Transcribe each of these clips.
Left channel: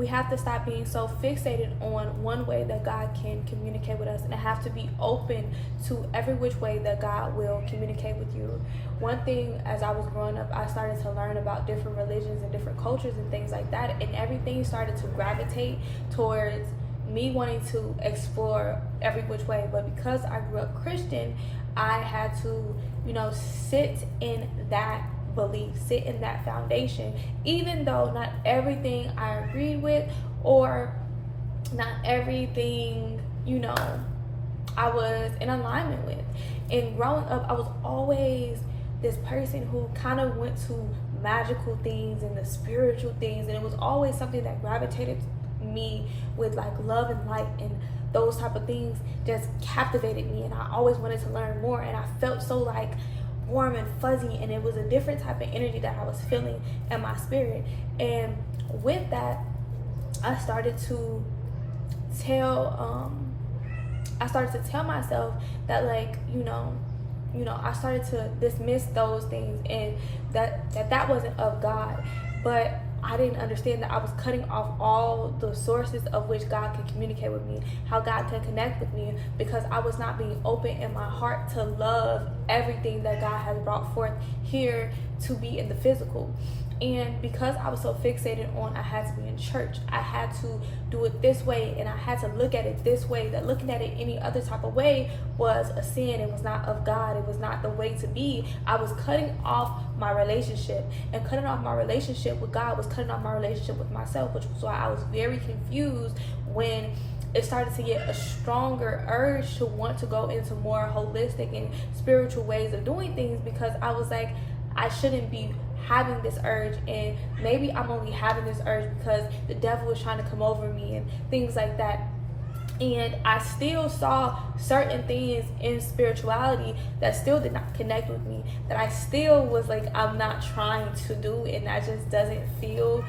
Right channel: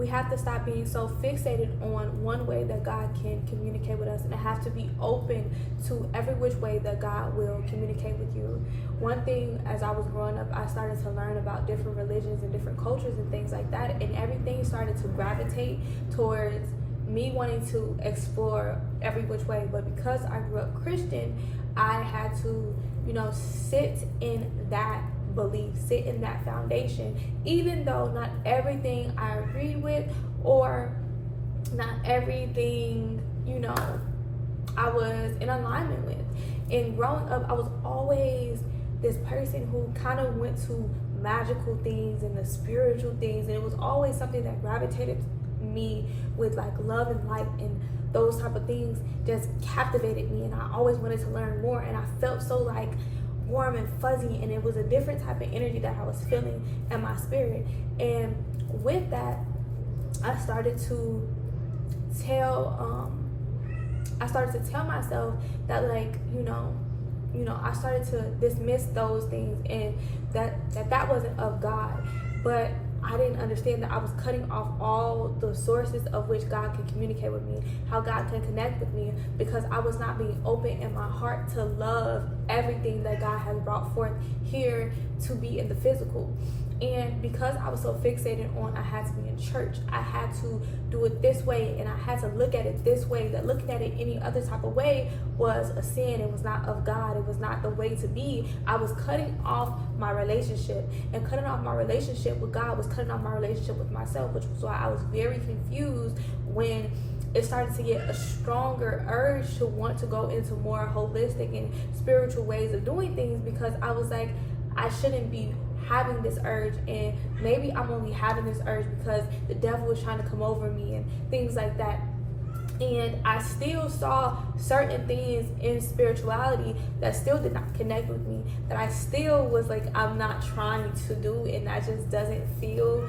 we have to stop being so fixated on one way that God can communicate with us, and have to be open to every which way that God will communicate with you. One thing, as I was growing up, I started to learn about different religions and different cultures and things like that, and everything started to gravitate towards me wanting to explore every which way. But because I grew up Christian, I had to, sit in that belief, sit in that foundation, even though not everything I agreed with, or not everything, I was in alignment with. And growing up, I was always this person who kind of went to magical things and the spiritual things, and it was always something that gravitated me with like love and light, and those type of things just captivated me, and I always wanted to learn more, and I felt so like warm and fuzzy, and it was a different type of energy that I was feeling in my spirit. And with that, I started to tell myself that, like, I started to dismiss those things, and that wasn't of God. But I didn't understand that I was cutting off all the sources of which God can communicate with me, how God can connect with me, because I was not being open in my heart to love everything that God has brought forth here to be in the physical. And because I was so fixated on I had to be in church, I had to do it this way, and I had to look at it this way, that looking at it any other type of way was a sin. It was not of God. It was not the way to be. I was cutting off my relationship, and cutting off my relationship with God was cutting off my relationship with myself, which was why I was very confused when it started to get a stronger urge to want to go into more holistic and spiritual ways of doing things, because I was like, I shouldn't be having this urge, and maybe I'm only having this urge because the devil was trying to come over me and things like that. And I still saw certain things in spirituality that still did not connect with me, that I still was like, I'm not trying to do, and that just doesn't feel,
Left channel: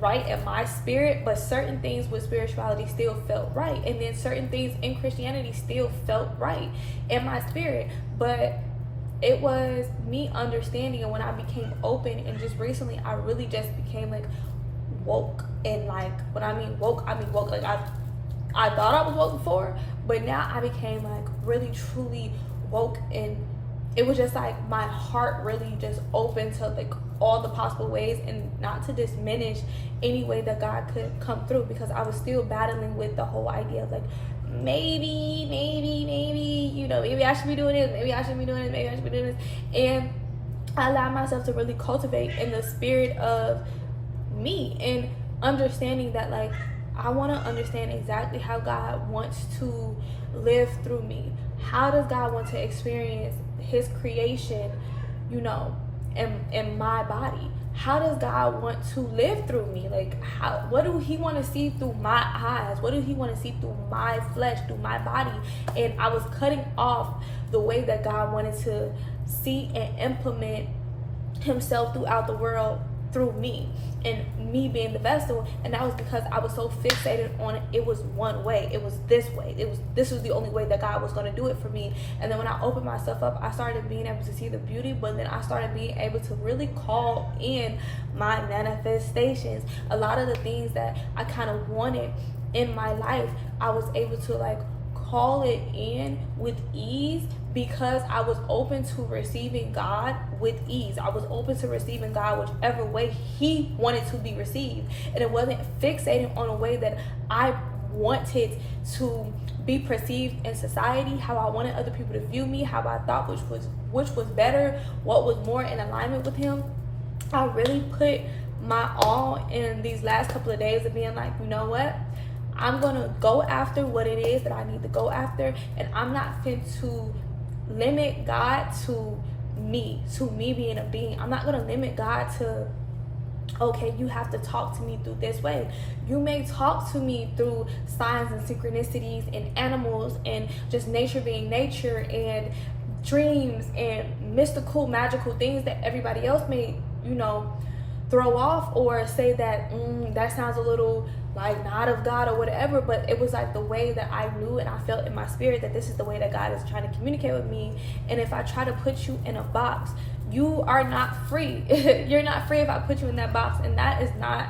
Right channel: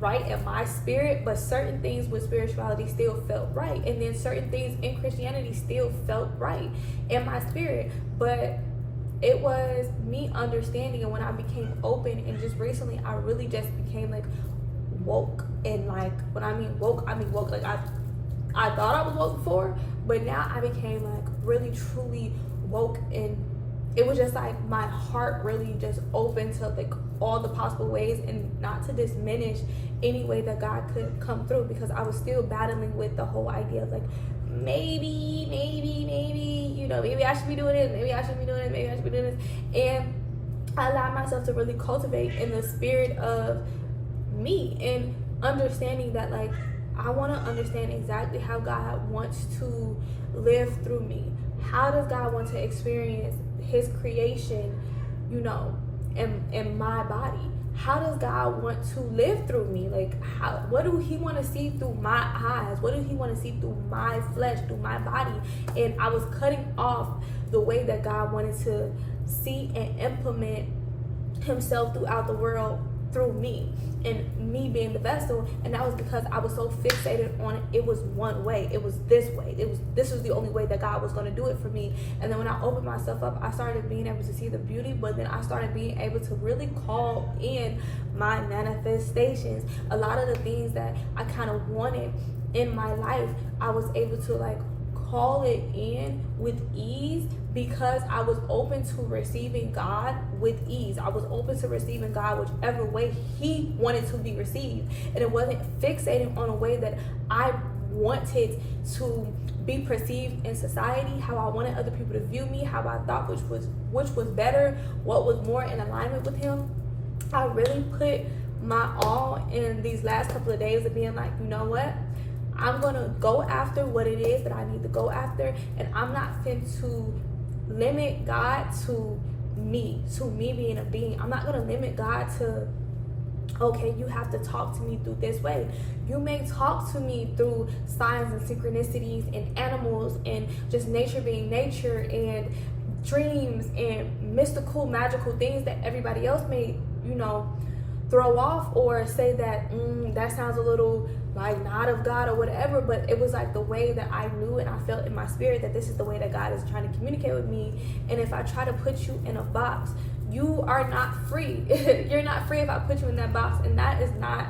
right in my spirit. But certain things with spirituality still felt right, and then certain things in Christianity still felt right in my spirit. But it was me understanding, and when I became open, and just recently I really just became like woke. And like, when I mean woke, like I thought I was woke before, but now I became like really truly woke, and it was just like my heart really just opened to like all the possible ways, and not to diminish any way that God could come through, because I was still battling with the whole idea of like, maybe, maybe I should be doing this, maybe I should be doing this, maybe I should be doing this. And I allowed myself to really cultivate in the spirit of me, and understanding that, like, I want to understand exactly how God wants to live through me. How does God want to experience his creation, in my body? How does God want to live through me? Like, what do he want to see through my eyes? What do he want to see through my flesh, through my body? And I was cutting off the way that God wanted to see and implement himself throughout the world through me, and me being the vessel. And that was because I was so fixated on it was one way, it was this way, this was the only way that God was going to do it for me. And then when I opened myself up, I started being able to see the beauty, but then I started being able to really call in my manifestations. A lot of the things that I kind of wanted in my life, I was able to like call it in with ease, because I was open to receiving God with ease. I was open to receiving God whichever way he wanted to be received, and it wasn't fixated on a way that I wanted to be perceived in society, how I wanted other people to view me, how I thought which was better, what was more in alignment with him. I really put my all in these last couple of days of being like, you know what, I'm gonna go after what it is that I need to go after, and I'm not fit to limit God to me being a being. I'm not gonna limit God to, okay, you have to talk to me through this way. You may talk to me through signs and synchronicities and animals and just nature being nature and dreams and mystical, magical things that everybody else may, throw off or say that that sounds a little like not of God or whatever. But it was like the way that I knew it. I felt in my spirit that this is the way that God is trying to communicate with me. And if I try to put you in a box, you are not free. You're not free if I put you in that box, and that is not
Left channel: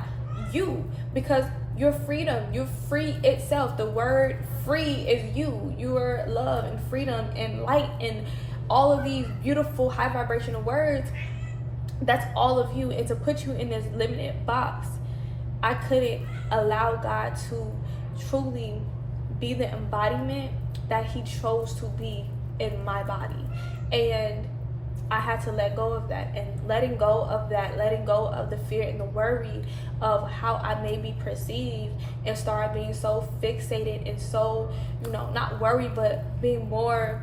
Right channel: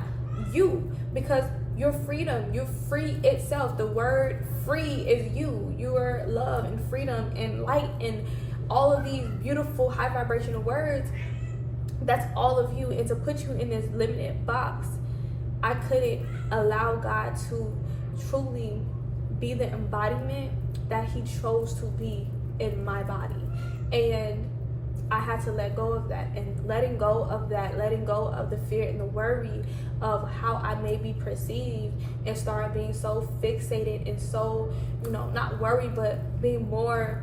you, because your freedom, your free itself. The word free is you. You are love and freedom and light and all of these beautiful high vibrational words. That's all of you. And to put you in this limited box, I couldn't allow God to truly be the embodiment that he chose to be in my body. And I had to let go of that, and letting go of that, letting go of the fear and the worry of how I may be perceived, and start being so fixated and so, not worried, but being more,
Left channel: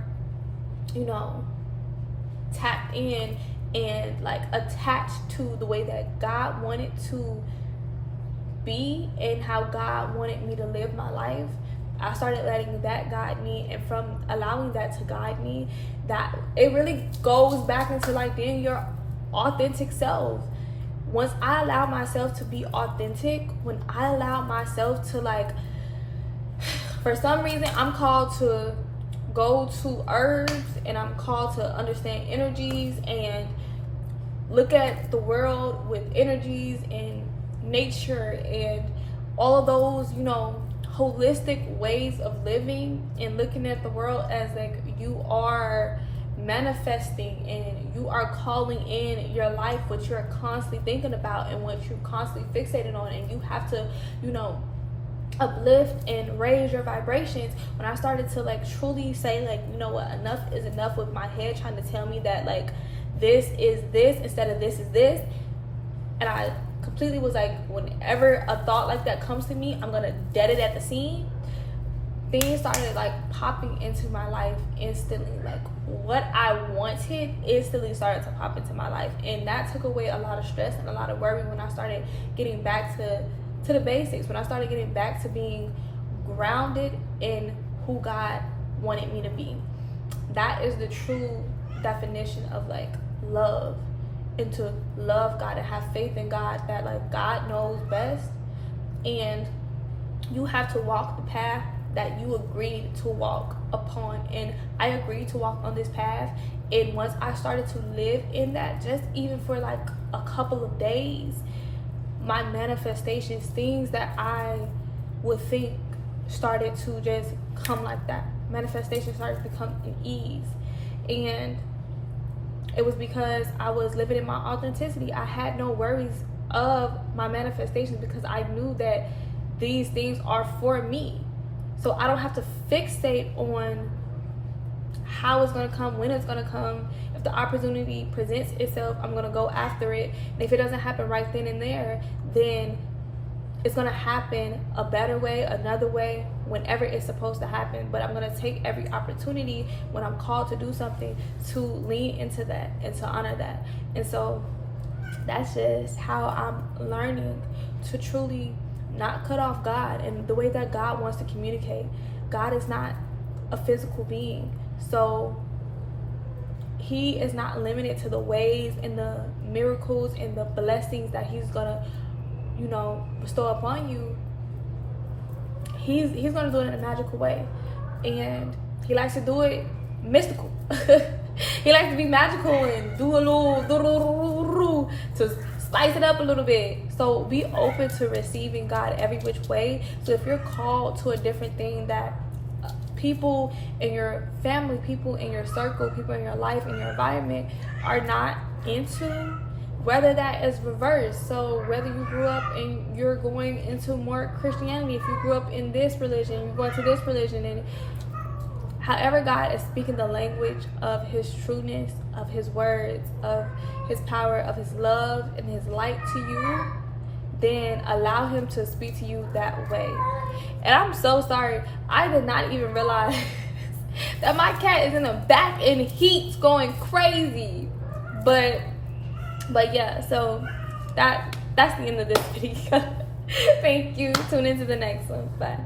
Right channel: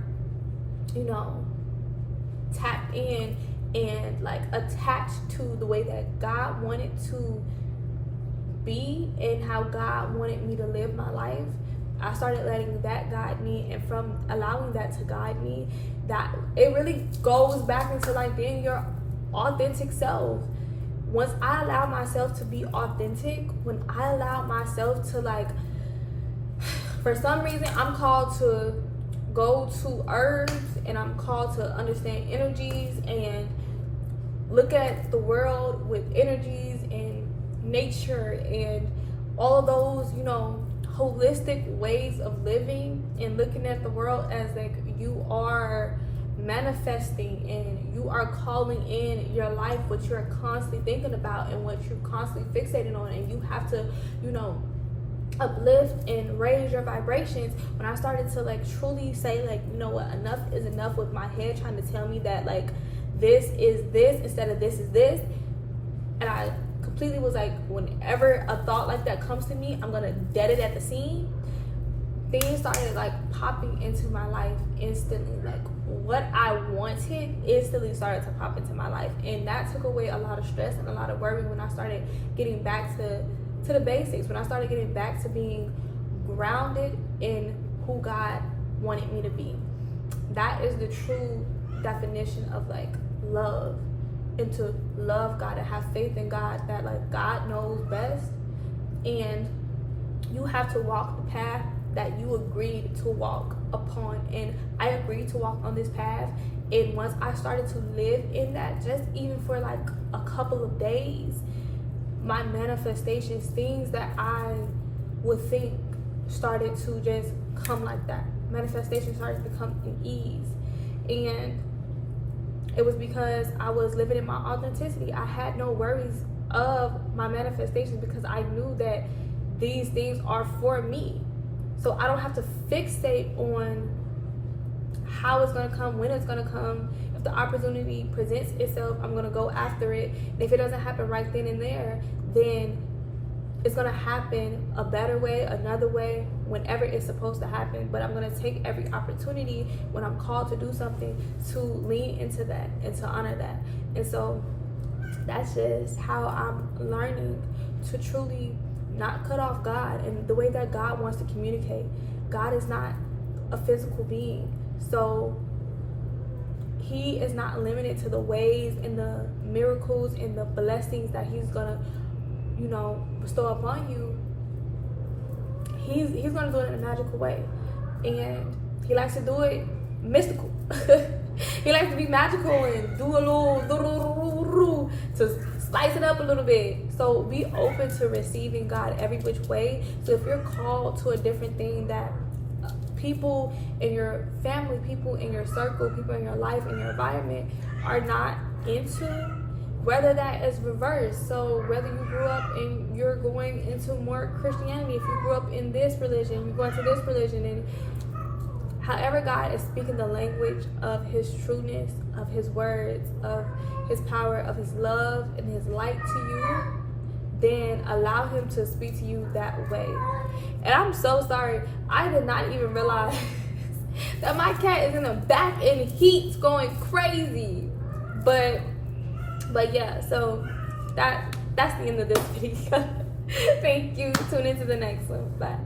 tapped in and like attached to the way that God wanted to be and how God wanted me to live my life. I started letting that guide me, and from allowing that to guide me, that it really goes back into like being your authentic self. Once I allow myself to be authentic, when I allow myself to like, for some reason I'm called to go to herbs, and I'm called to understand energies and look at the world with energies and nature and all those, holistic ways of living, and looking at the world as like you are manifesting and you are calling in your life what you're constantly thinking about and what you're constantly fixated on, and you have to, uplift and raise your vibrations. When I started to like truly say like, what, enough is enough, with my head trying to tell me that like this is this instead of this is this, and I completely was like, whenever a thought like that comes to me, I'm gonna dead it at the scene. Things started like popping into my life instantly. Like what I wanted instantly started to pop into my life, and that took away a lot of stress and a lot of worry when I started getting back to the basics, when I started getting back to being grounded in who God wanted me to be. That is the true definition of like love, and to love God and have faith in God, that like God knows best, and you have to walk the path that you agreed to walk upon. And I agreed to walk on this path, and once I started to live in that, just even for like a couple of days, my manifestations, things that I would think started to just come like that. Manifestation started to come in ease, and it was because I was living in my authenticity. I had no worries of my manifestations because I knew that these things are for me. So I don't have to fixate on how it's gonna come, when it's gonna come. If the opportunity presents itself, I'm gonna go after it. And if it doesn't happen right then and there, then it's gonna happen a better way, another way, whenever it's supposed to happen. But I'm gonna take every opportunity when I'm called to do something to lean into that and to honor that. And so that's just how I'm learning to truly not cut off God and the way that God wants to communicate. God is not a physical being, so he is not limited to the ways and the miracles and the blessings that he's gonna bestow upon you. He's gonna do it in a magical way, and he likes to do it mystical. He likes to be magical and do a little to spice it up a little bit. So be open to receiving God every which way. So if you're called to a different thing that people in your family, people in your circle, people in your life, in your environment are not into, whether that is reversed. So whether you grew up and you're going into more Christianity, if you grew up in this religion, you're going to this religion, and however God is speaking the language of his trueness, of his words, of his power, of his love and his light to you, then allow him to speak to you that way. And I'm so sorry, I did not even realize that my cat is in the back and heat's going crazy. But yeah, so that's the end of this video. Thank you. Tune into the next one. Bye.